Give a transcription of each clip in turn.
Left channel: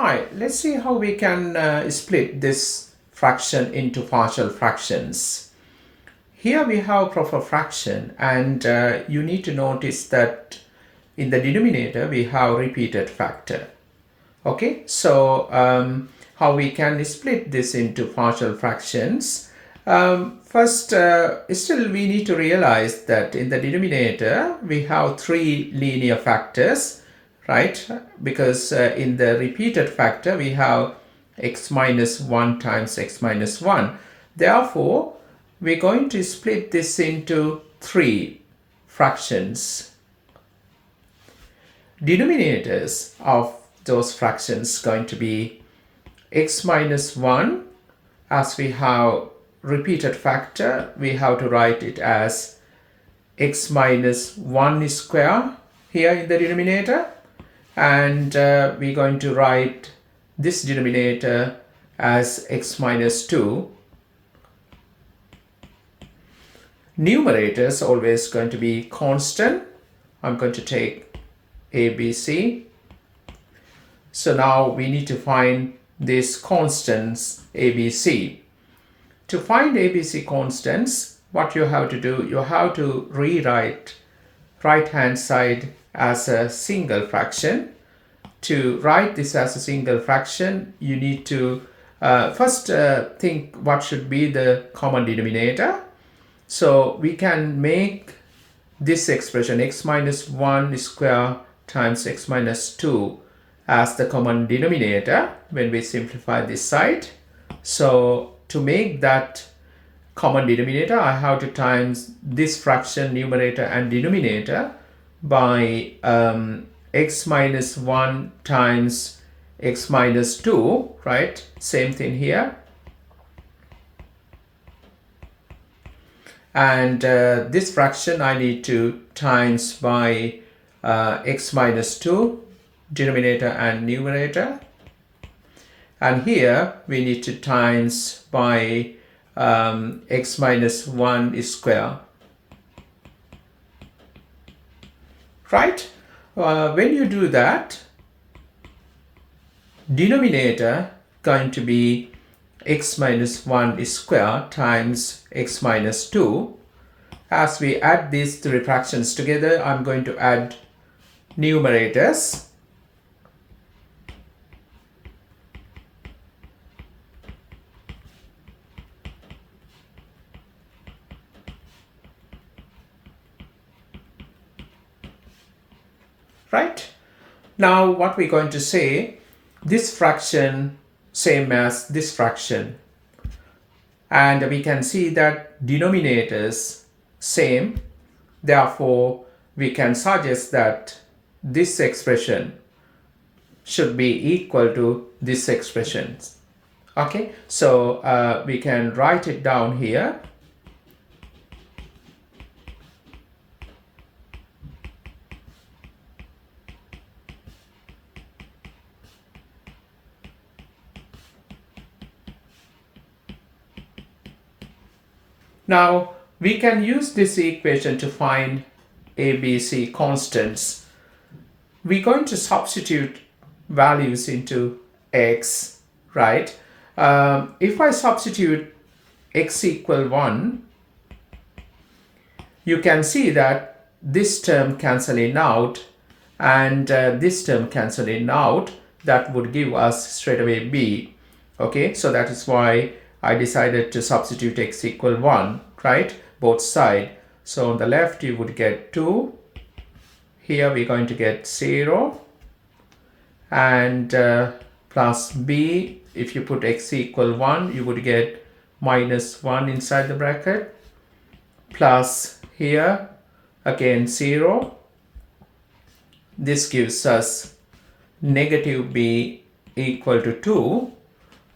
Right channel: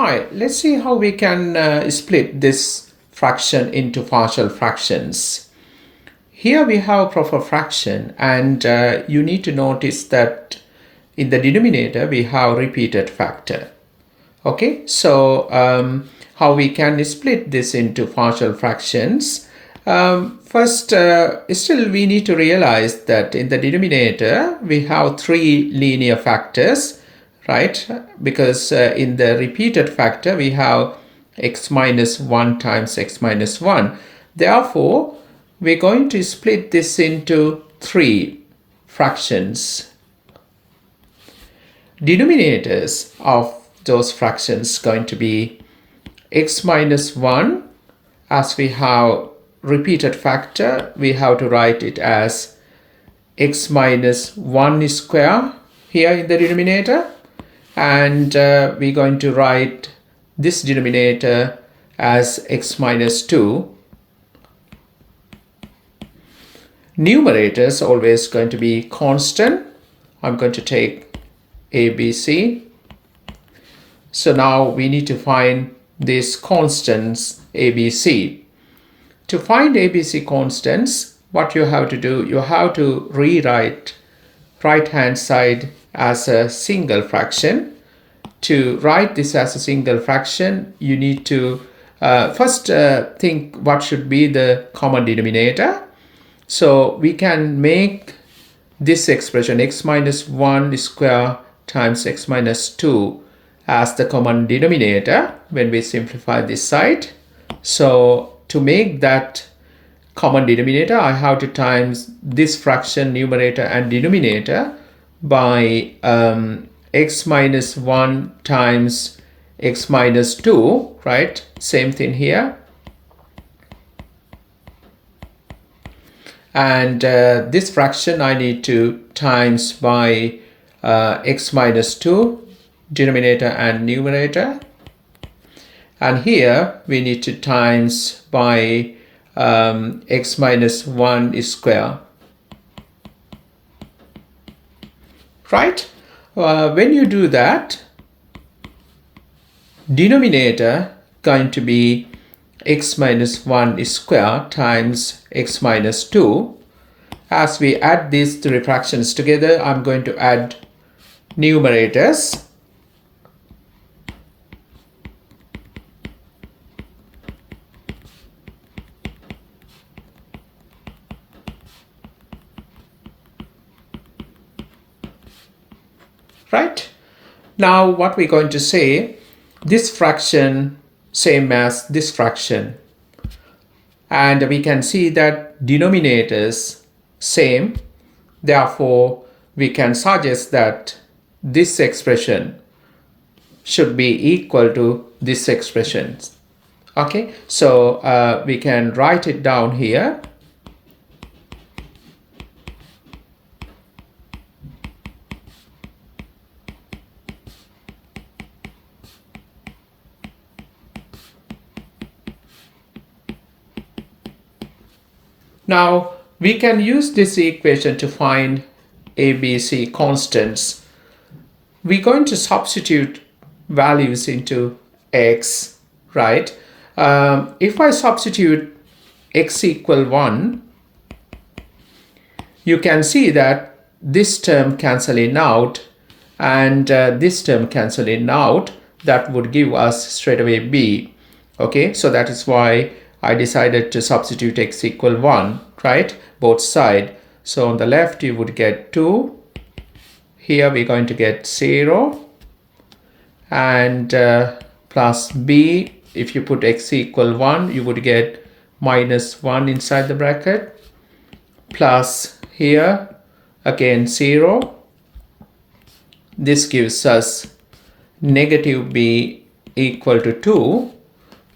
Hi, let's see how we can split this fraction into partial fractions. Here we have proper fraction, and you need to notice that in the denominator we have repeated factor. Okay, so how we can split this into partial fractions? First, still we need to realize that in the denominator we have three linear factors, right? Because in the repeated factor we have x minus 1 times x minus 1. Therefore, we're going to split this into three fractions. Denominators of those fractions going to be x minus 1. As we have repeated factor, we have to write it as x minus 1 square here in the denominator, and we're going to write this denominator as x minus 2. Numerators always going to be constant. I'm going to take ABC. So now we need to find these constants ABC. To find ABC constants, what you have to do, you have to rewrite right hand side as a single fraction. To write this as a single fraction, you need to first think what should be the common denominator. So we can make this expression x minus 1 square times x minus 2 as the common denominator when we simplify this side. So to make that common denominator, I have to times this fraction numerator and denominator by x minus 1 times x minus 2, right? Same thing here. And this fraction I need to times by x minus 2, denominator and numerator. And here we need to times by x minus 1 square. Right? When you do that, denominator going to be x minus 1 square times x minus 2. As we add these three fractions together, I'm going to add numerators. Right? Now what we're going to say, this fraction same as this fraction, and we can see that denominators same. Therefore, we can suggest that this expression should be equal to this expression. Okay, so we can write it down here. Now, we can use this equation to find ABC constants. We're going to substitute values into x, right? If I substitute x equal 1, you can see that this term cancelling out and this term cancelling out. That would give us straight away b. Okay, so that is why I decided to substitute x equal 1, right? Both sides. So on the left you would get 2. Here we're going to get 0. And plus b, if you put x equal 1, you would get minus 1 inside the bracket. Plus here, again 0. This gives us negative b equal to 2.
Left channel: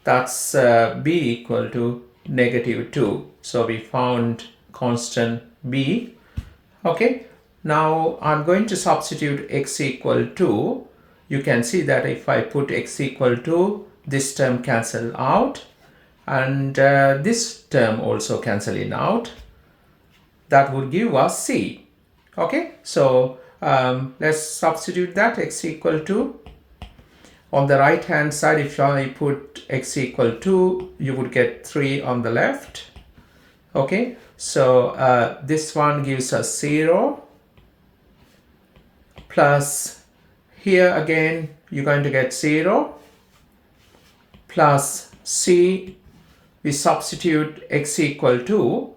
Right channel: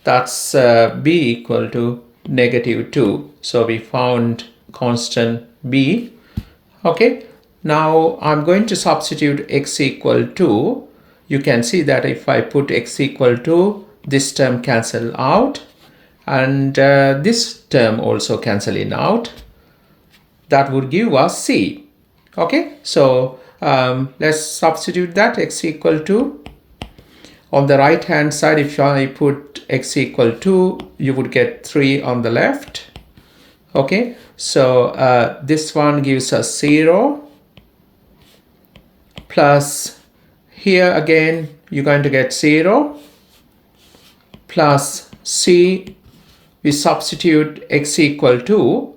That's b equal to negative 2. So we found constant b. Okay, now I'm going to substitute x equal to. You can see that if I put x equal to, this term cancel out, and this term also cancelling out. That would give us c. Okay, so let's substitute that x equal to On the right hand side, if I put x equal 2, you would get 3 on the left. Okay, so this one gives us 0 plus here again you're going to get 0 plus c. We substitute x equal to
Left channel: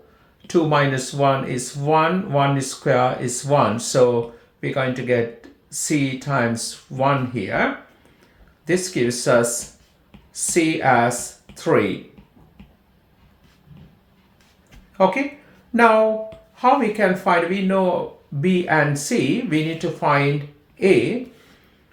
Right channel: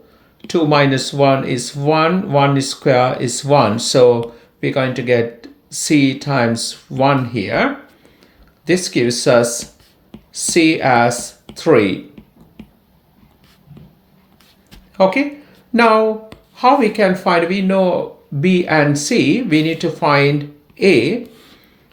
2 minus 1 is 1, 1 square is 1, so we're going to get c times 1 here. This gives us c as 3. Okay, now how we can find, we know b and c, we need to find a.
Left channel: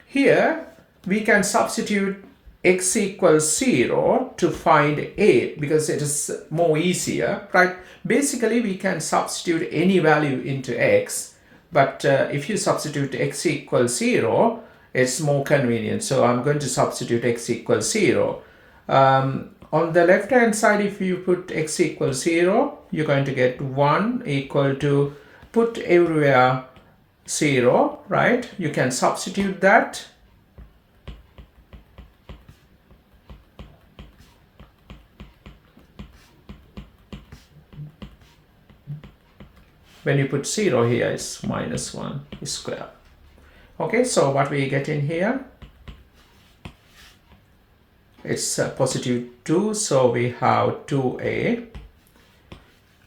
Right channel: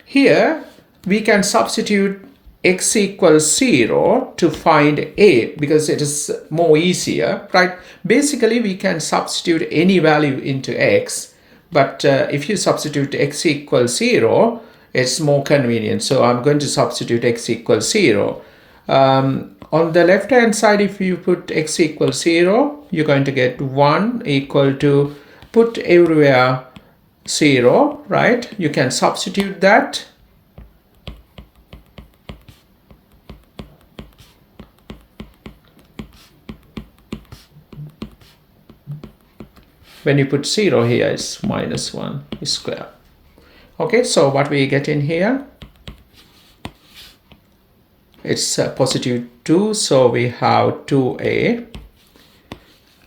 Here we can substitute x equals 0 to find a because it is more easier, right? Basically we can substitute any value into x, but if you substitute x equals 0, it's more convenient. So I'm going to substitute x equals 0. On the left hand side, if you put x equals 0, you're going to get 1 equal to, put everywhere 0, right? You can substitute that. When you put 0 here, it's minus 1 square. Okay, so what we get in here? It's positive 2, so we have 2a.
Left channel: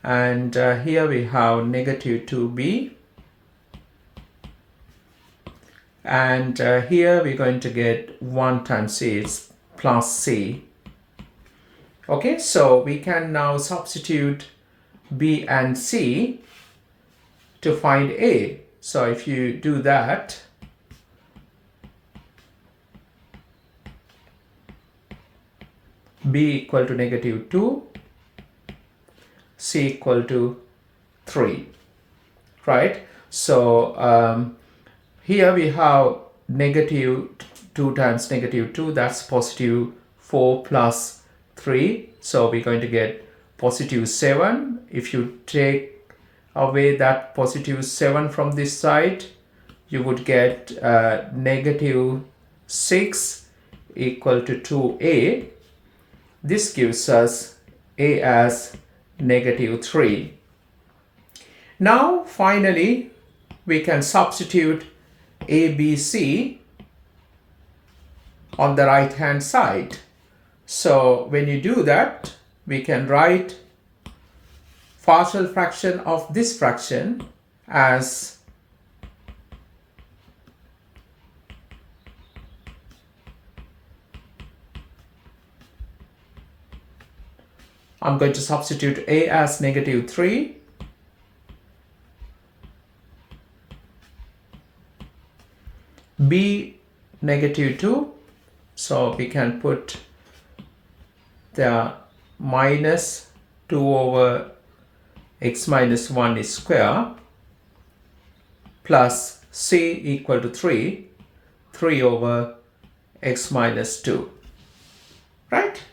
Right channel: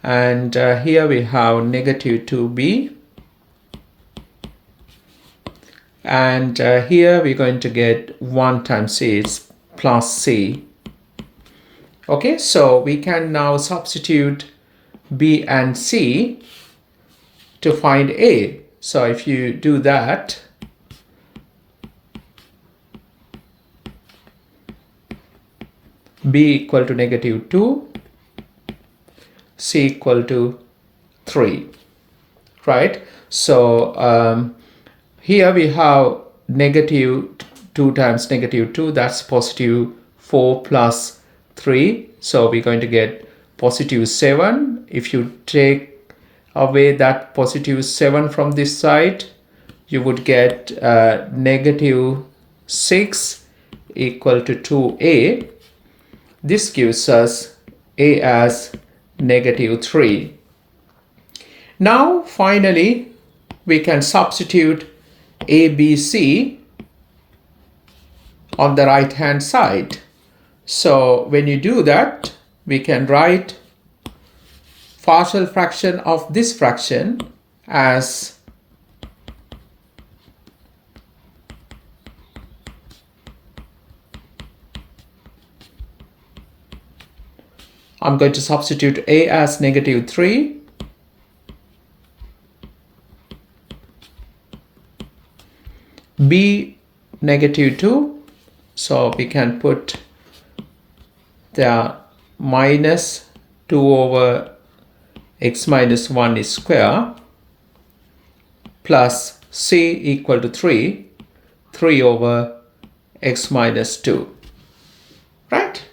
And here we have negative 2b. And here we're going to get 1 times c, it's plus c. Okay, so we can now substitute b and c to find a. So if you do that, b equal to negative 2, c equal to 3, right? So here we have negative 2 times negative 2, that's positive 4 plus 3. So we're going to get positive 7. If you take away that positive 7 from this side, you would get negative 6 equal to 2a. This gives us a as negative 3. Now finally we can substitute a, b, c on the right hand side. So when you do that, we can write partial fraction of this fraction as I'm going to substitute a as negative 3, b negative 2, so we can put the minus 2 over x minus 1 is square, plus c equal to 3 over x minus 2, right?